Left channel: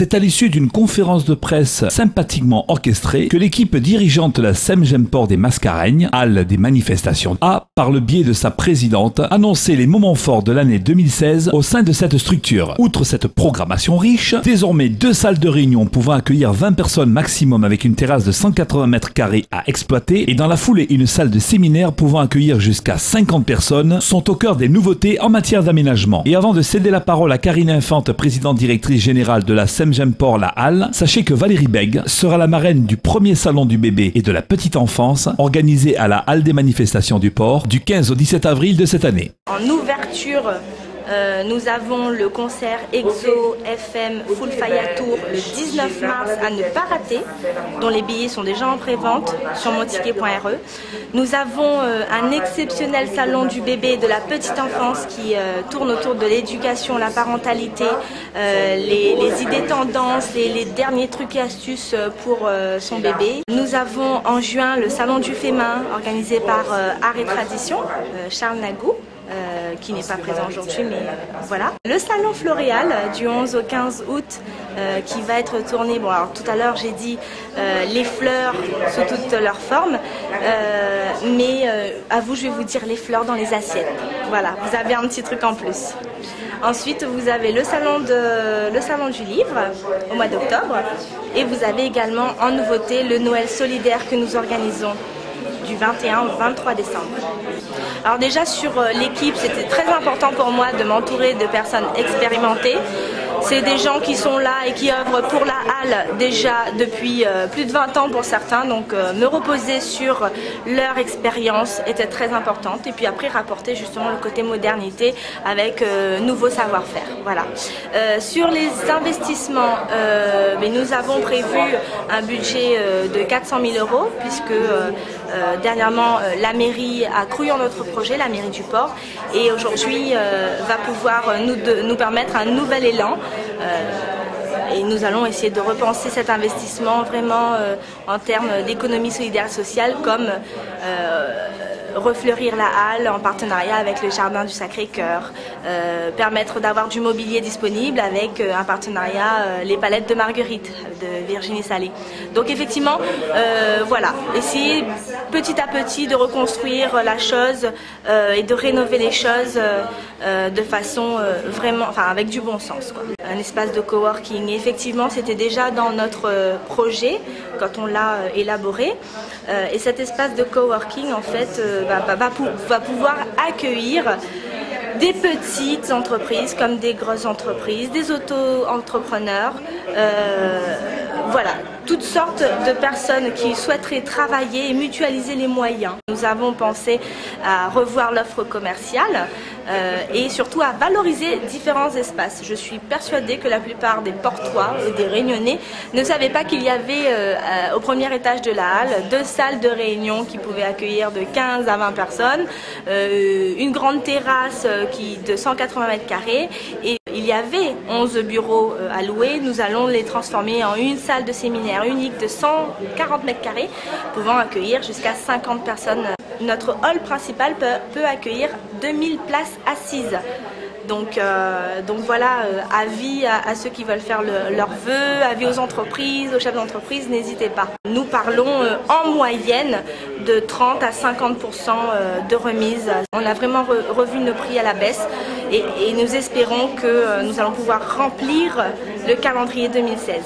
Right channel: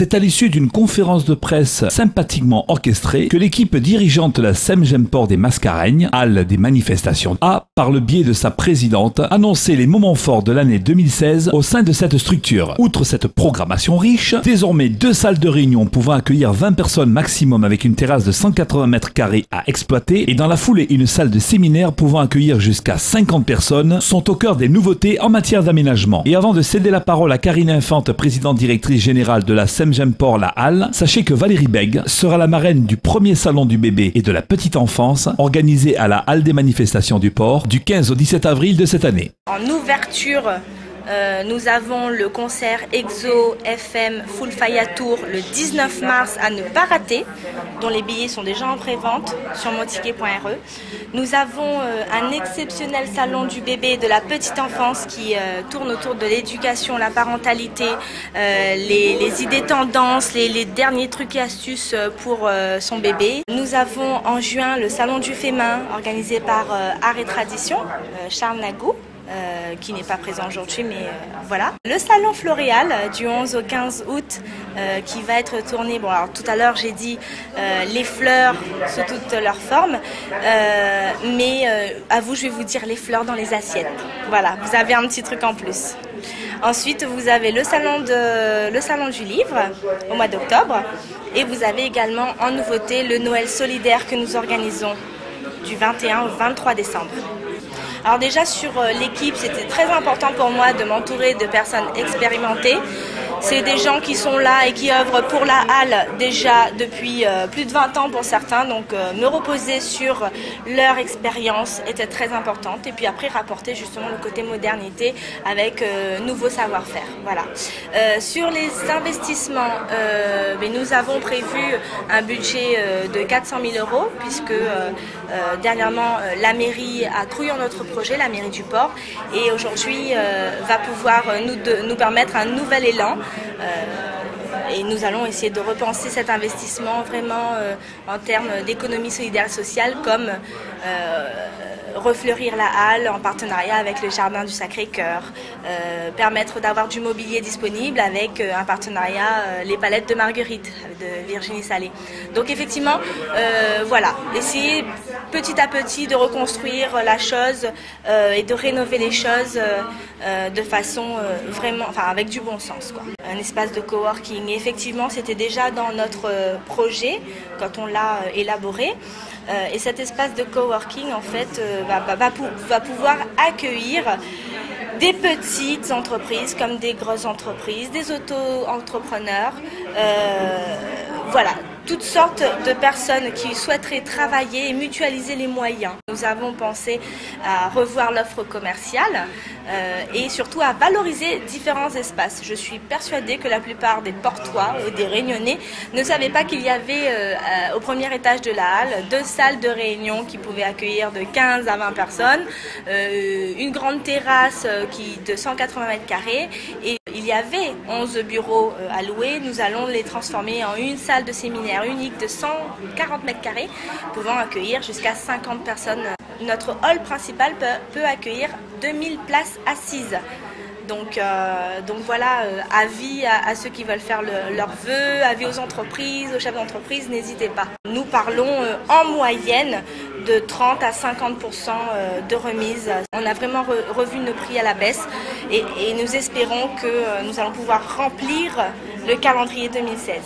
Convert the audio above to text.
C'est à l'issue d'une conférence de presse sympathiquement orchestrée que l'équipe dirigeante de la SEMGEMPOR des Mascareignes, halle des manifestations, a, par le biais de sa présidente, annoncé les moments forts de l'année 2016 au sein de cette structure. Outre cette programmation riche, désormais 2 salles de réunion pouvant accueillir 20 personnes maximum avec une terrasse de 180 mètres carrés à exploiter et dans la foulée une salle de séminaire pouvant accueillir jusqu'à 50 personnes sont au cœur des nouveautés en matière d'aménagement. Et avant de céder la parole à Karine Infante, présidente directrice générale de la SEMGEMPOR La Halle, sachez que Valérie Bègue sera la marraine du premier salon du bébé et de la petite enfance organisé à la Halle des manifestations du port du 15 au 17 avril de cette année. En ouverture, nous avons le concert EXO FM Full Faya Tour le 19 mars à ne pas rater, dont les billets sont déjà en prévente sur monticket.re. Nous avons un exceptionnel salon du bébé et de la petite enfance qui tourne autour de l'éducation, la parentalité, les idées tendances, les derniers trucs et astuces pour son bébé. Nous avons en juin le salon du fémin organisé par Art et Tradition, Charles Nagou. Qui n'est pas présent aujourd'hui, mais voilà. Le salon Floréal du 11 au 15 août qui va être tourné, bon alors tout à l'heure j'ai dit les fleurs sous toutes leurs formes, mais à vous je vais vous dire les fleurs dans les assiettes. Voilà, vous avez un petit truc en plus. Ensuite vous avez le salon du livre au mois d'octobre et vous avez également en nouveauté le Noël solidaire que nous organisons du 21 au 23 décembre. Alors déjà sur l'équipe, c'était très important pour moi de m'entourer de personnes expérimentées. C'est des gens qui sont là et qui œuvrent pour la halle déjà depuis plus de 20 ans pour certains, donc me reposer sur leur expérience était très importante et puis après rapporter justement le côté modernité avec nouveau savoir-faire. Voilà. Sur les investissements, nous avons prévu un budget de 400 000 € puisque dernièrement la mairie a cru en notre projet, la mairie du port, et aujourd'hui va pouvoir nous permettre un nouvel élan. Et nous allons essayer de repenser cet investissement vraiment en termes d'économie solidaire sociale comme refleurir la halle en partenariat avec le Jardin du Sacré-Cœur, permettre d'avoir du mobilier disponible avec un partenariat les palettes de Marguerite de Virginie Salé. Donc effectivement, voilà, essayer petit à petit de reconstruire la chose et de rénover les choses de façon vraiment, enfin avec du bon sens, quoi. Un espace de coworking, effectivement c'était déjà dans notre projet quand on l'a élaboré, et cet espace de coworking en fait va pouvoir accueillir des petites entreprises comme des grosses entreprises, des auto-entrepreneurs, voilà, toutes sortes de personnes qui souhaiteraient travailler et mutualiser les moyens. Nous avons pensé à revoir l'offre commerciale et surtout à valoriser différents espaces. Je suis persuadée que la plupart des Portois et des Réunionnais ne savaient pas qu'il y avait au premier étage de la halle 2 salles de réunion qui pouvaient accueillir de 15 à 20 personnes, une grande terrasse de 180 mètres carrés et il y avait 11 bureaux à louer. Nous allons les transformer en une salle de séminaire unique de 140 mètres carrés, pouvant accueillir jusqu'à 50 personnes. Notre hall principal peut accueillir 2000 places assises. Donc voilà, avis à ceux qui veulent faire leurs vœux, avis aux entreprises, aux chefs d'entreprise, n'hésitez pas. Nous parlons en moyenne de 30 à 50% de remise. On a vraiment revu nos prix à la baisse et nous espérons que nous allons pouvoir remplir le calendrier 2016.